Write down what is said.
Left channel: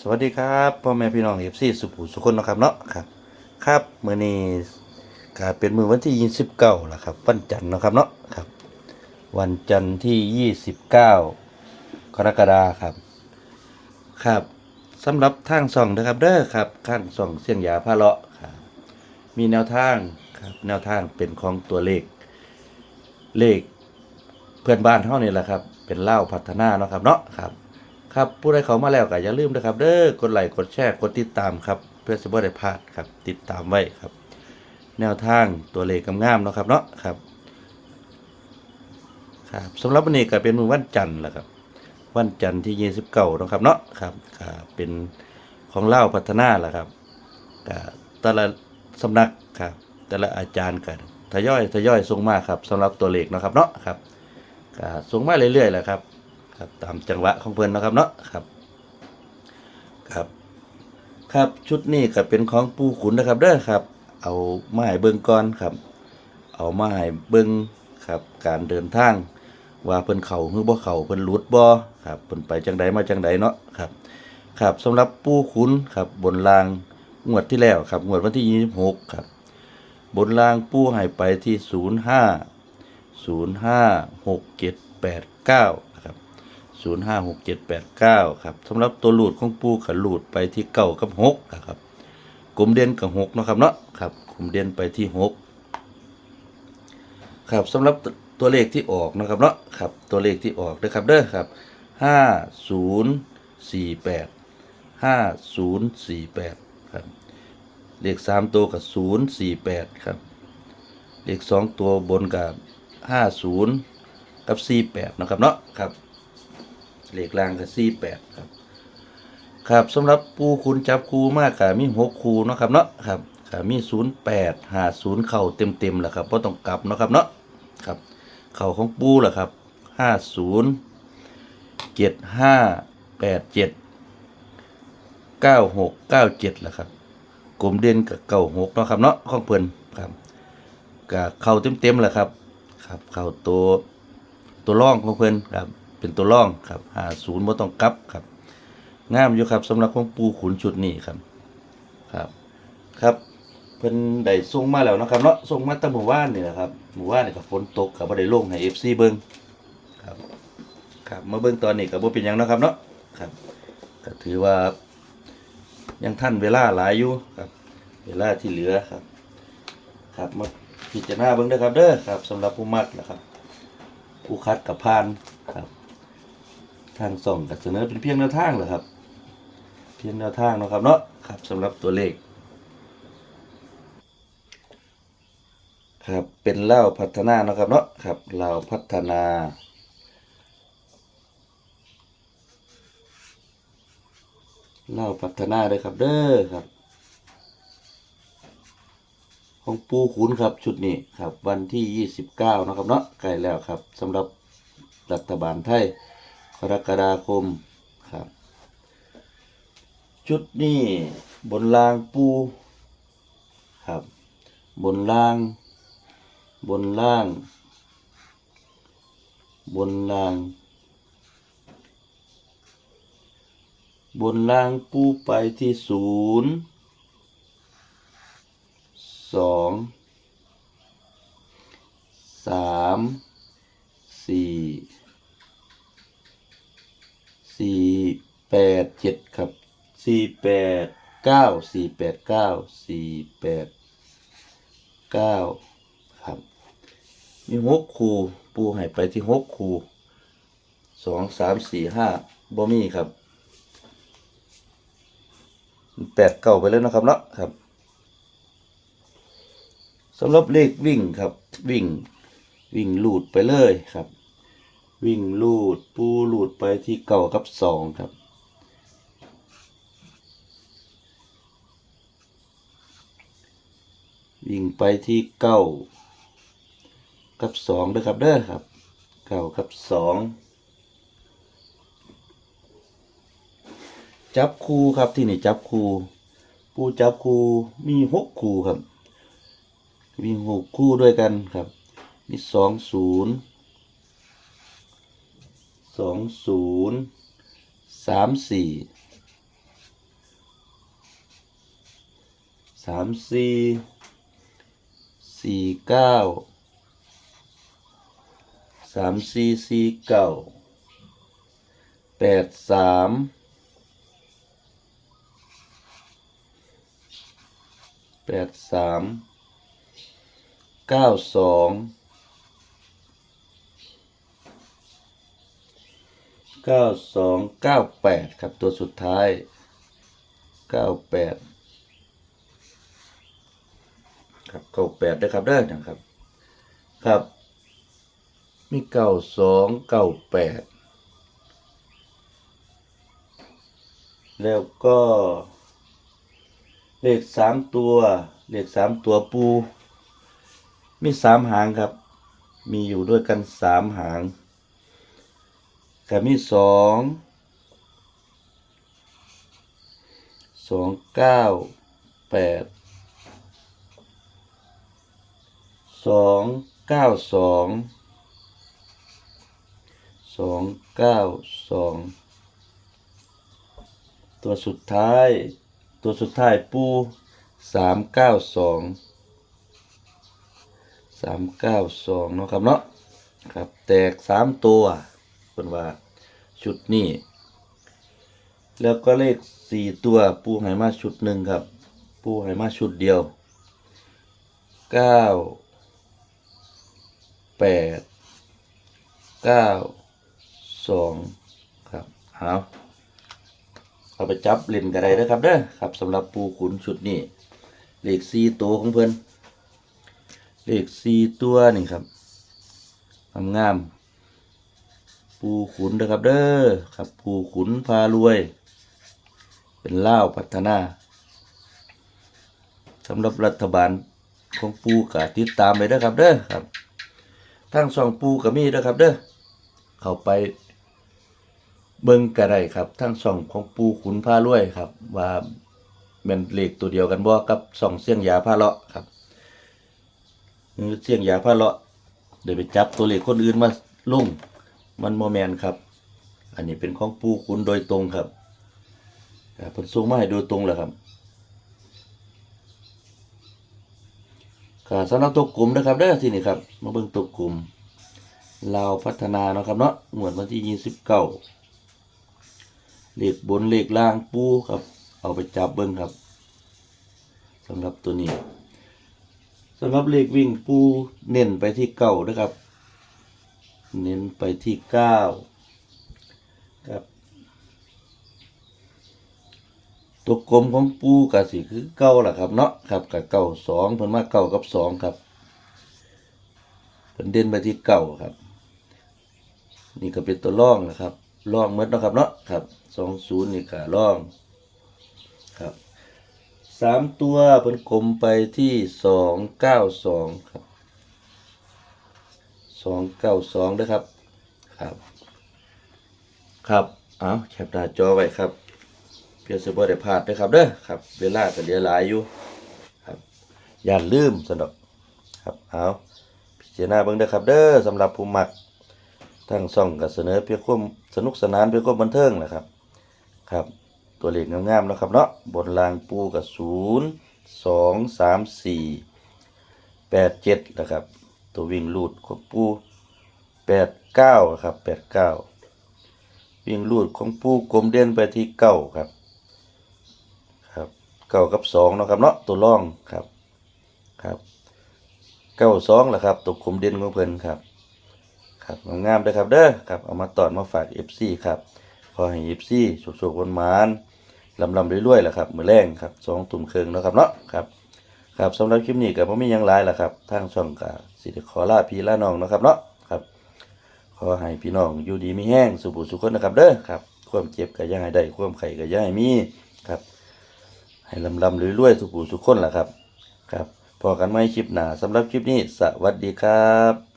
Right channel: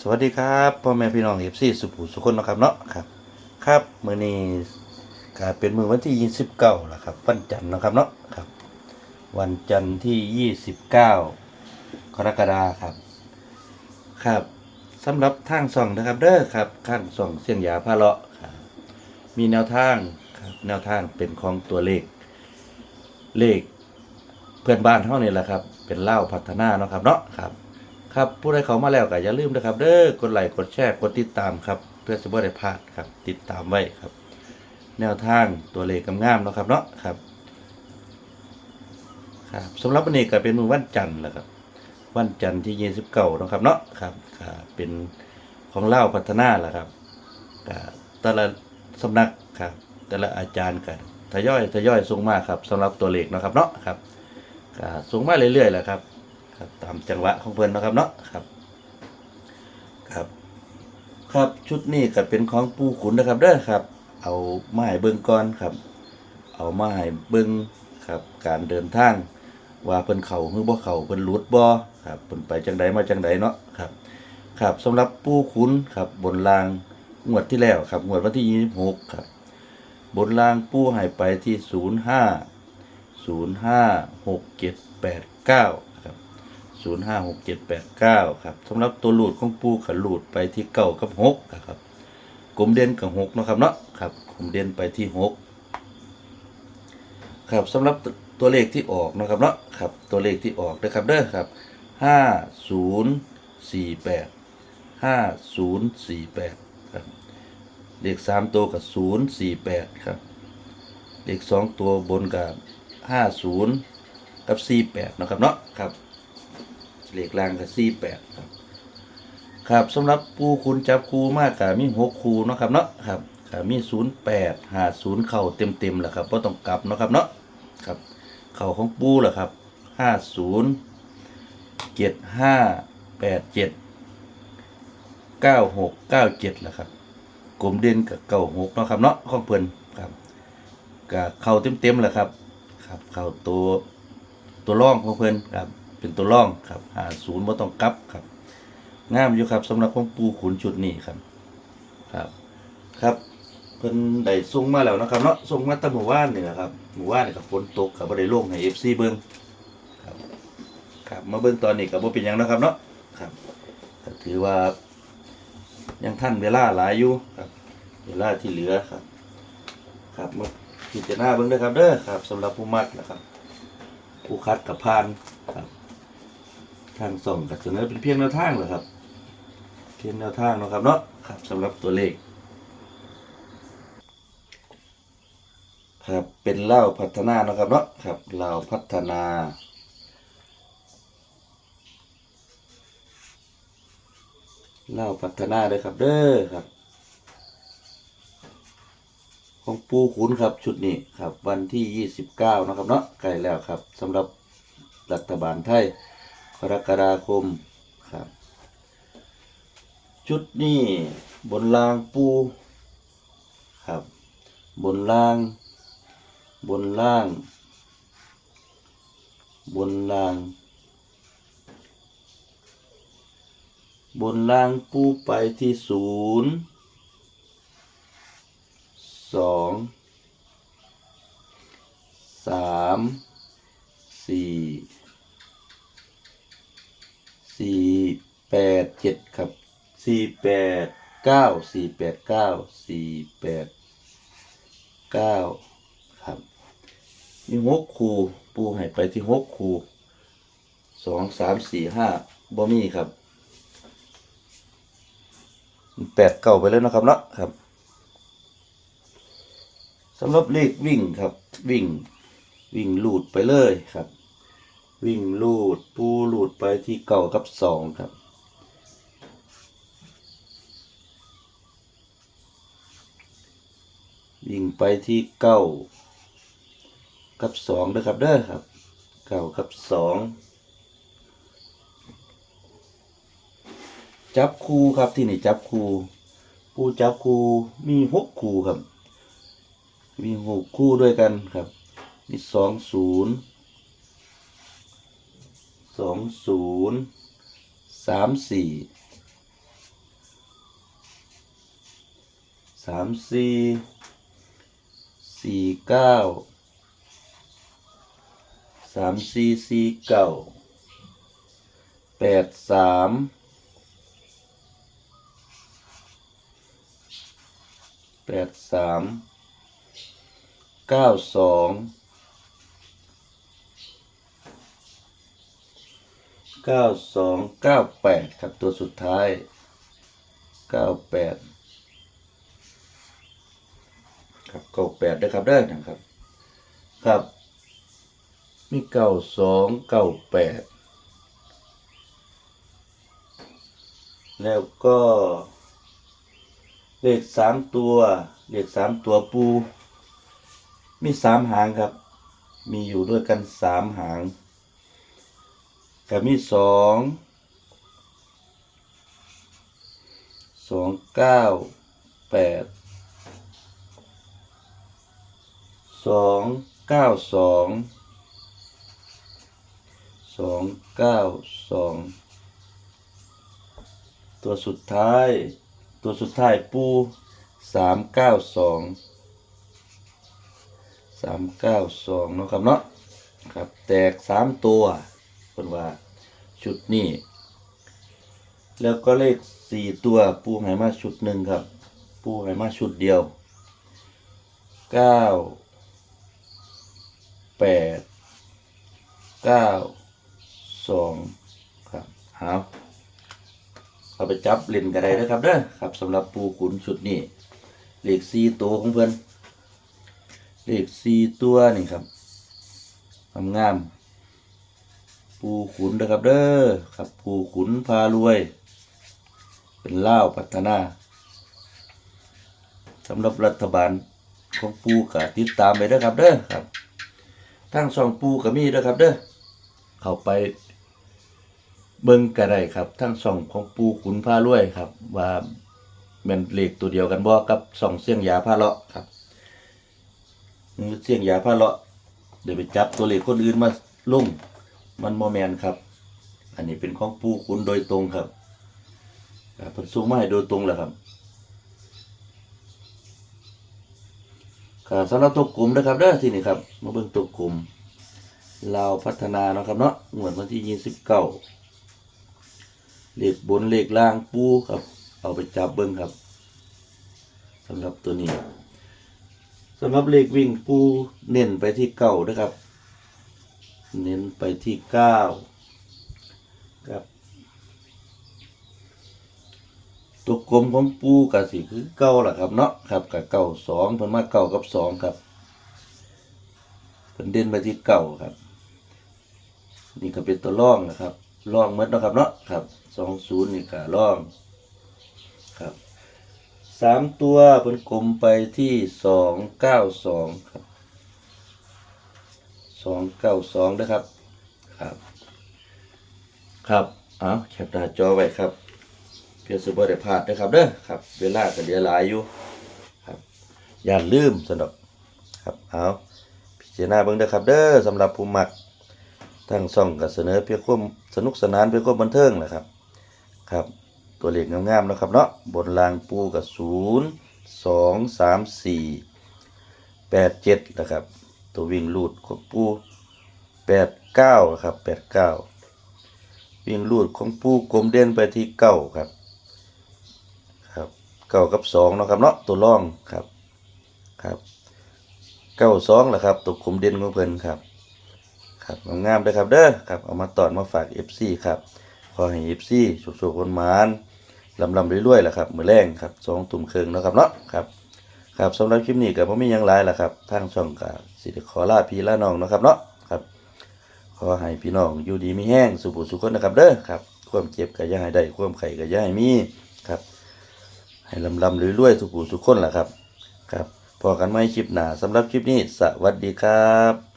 สวัสดีครับพ่อแม่พี่น้องเอฟซีสุภูสุคนนะครับเนาะครับ ครับมื้อนี้ก็เป็นมื้อวันที่29แล้วครับ วันจันทร์นะครับเนาะครับ วันจันทร์ที่29กรกฎาคมครับ ครับสำหรับทางส่องนะครับเด้อครับข้างส่องเสียงยาพาเลาะครับมีแนวทางครับแนวทางเป็นของตัวเลข เลขเพื่อนบ้านเท่านี่แหละครับ เป็นเล่าพัฒนาเนาะครับเนาะครับ ครับผู้ใดเขามาแล้วก็อย่าลืมนะครับ เด้อกดไลค์กดแชร์กดติดตามครับ เพื่อจะบ่ได้พลาดครับ ติดตามไว้ครับ แนวทางตัวเลขงามเนาะครับเนาะครับ ครับสำหรับวันนี้ก็เป็นมือวันจันทร์แหละครับ วันจันทร์ที่29เนาะครับเนาะครับก็เป็นของเล่าพัฒนาแหละครับก็แต่ละสำนักครับ แต่ละอาจารย์กันทยอยทยอยส่งมาครับสำหรับตัวเลขนะครับเนาะครับก็ส่งมาเรื่อยๆแหละครับ ครับตามจังหวะของเพื่อนนะครับเนาะครับครับ ครับชุดนี้ก็เป็นของปูขุนนะครับเด้อครับ เอาไม้เบิ่งก่อนครับ เอาไม้เบิ่งครับ การเดินทาง ว่าเพิ่นเข้าหรือบ่เข้าเพิ่นหลุดบ่ครับเพิ่นไปจังใดมาจังใดเนาะครับ ครับสำหรับปูขุนครับบนรางงวดที่แล้วครับงวดวันที่ 26 ครับ บนรางปูให้ไปที่ 05 05 6789 ศูนย์ห้าหกเจ็ดแปดเก้าครับสำหรับตัวหลุดของปูขันหลุดไปที่เก้ากับหกนะครับกลุ่มเด่นกับหกนะครับเนาะครับกลุ่มเด่นไปที่หกครับสำหรับตัวเลขที่ออกนะครับเนาะครับตัวเลขที่ออกนะครับเด้อครับห้าศูนย์สี่แปดห้าศูนย์สี่แปดครับเลขสามตัวกับศูนย์สี่แปดครับเลขสองตัวบนกับห้าศูนย์กับสี่แปดนะครับเนาะครับ เหลขล่างก็สี่แปดครับสำหรับปูคุณจับคูมากกะมีหกคูเนาะครับเนาะครับกะมีศูนย์แปดหาศูนย์เข่าเต็มเต็มๆแหละครับเพราะต้องกลับเนาะครับเนาะครับ เข่าของปูแหละครับห้าศูนย์เจ็ดห้าแปดเจ็ดเก้าหกเก้าเจ็ดแหละครับกลมเด่นกับเก้าหกเนาะครับเนาะของเพิ่นครับกะเข่าเต็มเต็มๆแหละครับ ครับ เข่าตัวตัวร่องของเพิ่นครับ เป็นตัวร่องครับหาศูนย์บ่ต้องกลับครับงามอยู่ครับสำหรับของปูขุนชุดนี้ครับครับ ครับเพิ่นได้ส่งมาแล้วนะครับเนาะส่งมาตั้งหมู่บ้านนี่แหละครับหมู่บ้านนี่ก็ฝนตกก็บ่ได้ลงให้ FC เบิ่งครับครับมาเบิ่งตอนนี้ก็บ่เป็นหยังเนาะครับเนาะครับก็ถือว่า ยังทันเวลาหลายอยู่ครับ เวลาที่เหลือครับ ครับมาพิจารณาเบิ่งเด้อครับเด้อครับสำหรับผู้มักนะครับ ผู้คัดกับพานครับ ทางส่งกับเสนอเป็นเพียงแนวทางเหรอครับ เพียงแนวทางนะครับเนาะครับสำหรับตัวเลข ครับเป็นเล่าพัฒนานะครับเนาะครับเล่าพัฒนาเล่าพัฒนาเลยครับเด้อครับ ของปูขุนครับชุดนี้ครับ วันที่ 29 นะครับเนาะใกล้แล้วครับสำหรับรัฐบาลไทย รกฎาคมครับ ชุดนี้บนรางปูครับ บนล่าง บนล่าง บนล่าง บนล่างปูไปที่ศูนย์สองสามสี่สี่แปด เจ็ดครับสี่แปดเก้าสี่แปดเก้าสี่แปดเก้าครับมีหกคูปูให้ไปที่หกคูสองสามสี่ห้าบ่มีครับแปดเก้าไปเลยนะครับเนาะครับสำหรับเลขวิ่งครับ วิ่ง วิ่งลูดไปเลยครับ วิ่งลูดปูลูดไปที่เก่ากับสองครับ วิ่งไปที่เก้ากับสองนะครับเด้อครับเก้ากับสองจับคู่ครับที่นี่จับคู่ปูจับคู่มีหกคู่ครับ มีหกคู่ด้วยกันครับ มีสองศูนย์สองศูนย์สามสี่สามสี่ สี่เก้าสามสี่สี่เก้าแปดสามแปดสามเก้าสองเก้าสองเก้าแปดครับตัวสุดท้ายเก้าแปด ครับเก้าแปดได้ครับได้นะครับ ครับ มีเก้าสองเก้าแปดแล้วก็ เลขสามตัว เลขสามตัวปู มีสามหางครับ มีอยู่ด้วยกันสามหางกับมีสองสองเก้าแปด สองเก้าสองสองเก้าสองตัวสุดท้าย ตัวสุดท้ายปูสามเก้าสองสามเก้าสองเนาะครับเนาะครับแตกสามตัวเป็นว่าชุดนี้ แล้วก็เลขสี่ตัวปูให้มาชุดหนึ่งครับ ปูให้มาชุดเดียวเก้า แปดเก้าสองครับเอาเอาไปจับเล่นกันได้นะครับเด้อครับสำหรับปูขุนชุดนี้เลขสี่ตัวของเพื่อนเลขสี่ตัวนี่ครับงามปูขุนนะครับเด้อครับปูขุนพารวย เป็นเล่าพัฒนาสำหรับรัฐบาลของปูกะติดตามไปเด้อครับเด้อครับ ทางสองปูก็มีนะครับ เด้อเข้าไปเบิ่งก็ได้ครับทางสองของปูขุนผ้ารวยครับ ว่าแม่นเลขตัวเดียวกันบ่กับสองเสียงยาผ้าเลาะครับเสียงยาผ้าเลาะเดี๋ยวไปจับตัวเลขคนอื่นมาลงมันบ่แมนครับ อันนี้เป็นของปูขุนโดยตรงครับครับเพิ่นส่งมาให้โดยตรงแหละครับ สำหรับตัวกลุ่มนะครับเด้อที่นี่ครับมาเบิ่งตัวกลุ่มลาวพัฒนานะครับเนาะงวดวันที่ยี่สิบเก้าเลขบนเลขล่างปูครับ เอาไปจับเบิ่งครับสำหรับตัวนี้สำหรับเลขวิ่งปูเน้นไปที่เก้านะครับ เน้นไปที่เก้าครับ ตัวกลมของปูกับสีคือเก้าล่ะครับเนาะครับกับเก้าสองเพิ่นมาเก้ากับสองครับเพิ่นเด่นไปที่เก้าครับ นี่ก็เป็นตัวร่องนะครับร่องหมดเนาะครับเนาะครับสองศูนย์นี่ก็ร่องครับสามตัวเพิ่นกลมไปที่สองเก้าสองครับสองเก้าสองนะครับครับ ครับเอาแคปหน้าจอไว้ครับ พื่อสิบ่ได้พลาดนะครับเด้อครับ เวลาก็เหลือหลายอยู่ครับ อย่าลืมสนดอกครับเอาพิจารณาเบิ่งเด้อครับ เด้อสำหรับผู้มักทางช่องก็เสนอเพื่อความสนุกสนานเพื่อความบันเทิงแหละครับ ครับ ตัวเลขงามๆนะครับเนาะบนรางปูกับ0 2 3 4 8 7นะครับ ตัววิ่งลูดของปู8 9ครับ8 9วิ่งลูดของปูกลมเด่นไปที่เก้าครับ เก้ากับสองเนาะครับเนาะตัวร่องครับครับเก้าสองแหละครับตัวกลมเด่นของเพิ่นครับครับงามๆเลยครับเด้อครับเอามาตอนมาฝาก FC ครับขอให้ FC สุขๆวนมานลำลำรวยๆแหละครับมือแรงครับสองตุ่มเครื่องเนาะครับเนาะครับครับสำหรับคลิปนี้ก็บ่มียังหลายล่ะครับทางช่องก็สิได้ขอลาพี่ลาน้องเนาะครับเนาะครับ ขอให้พี่น้องอยู่ดีมีแห้งสุขสุขคนนะครับเด้อครับความเจ็บก็ย่าให้ได้ความไข้ก็ย่าให้มีครับ ให้ลำลำรวยๆทุกผู้ทุกคนล่ะครับ ครับพอกันไหมคลิปหนาสำหรับคลิปนี้ สวัสดีครับ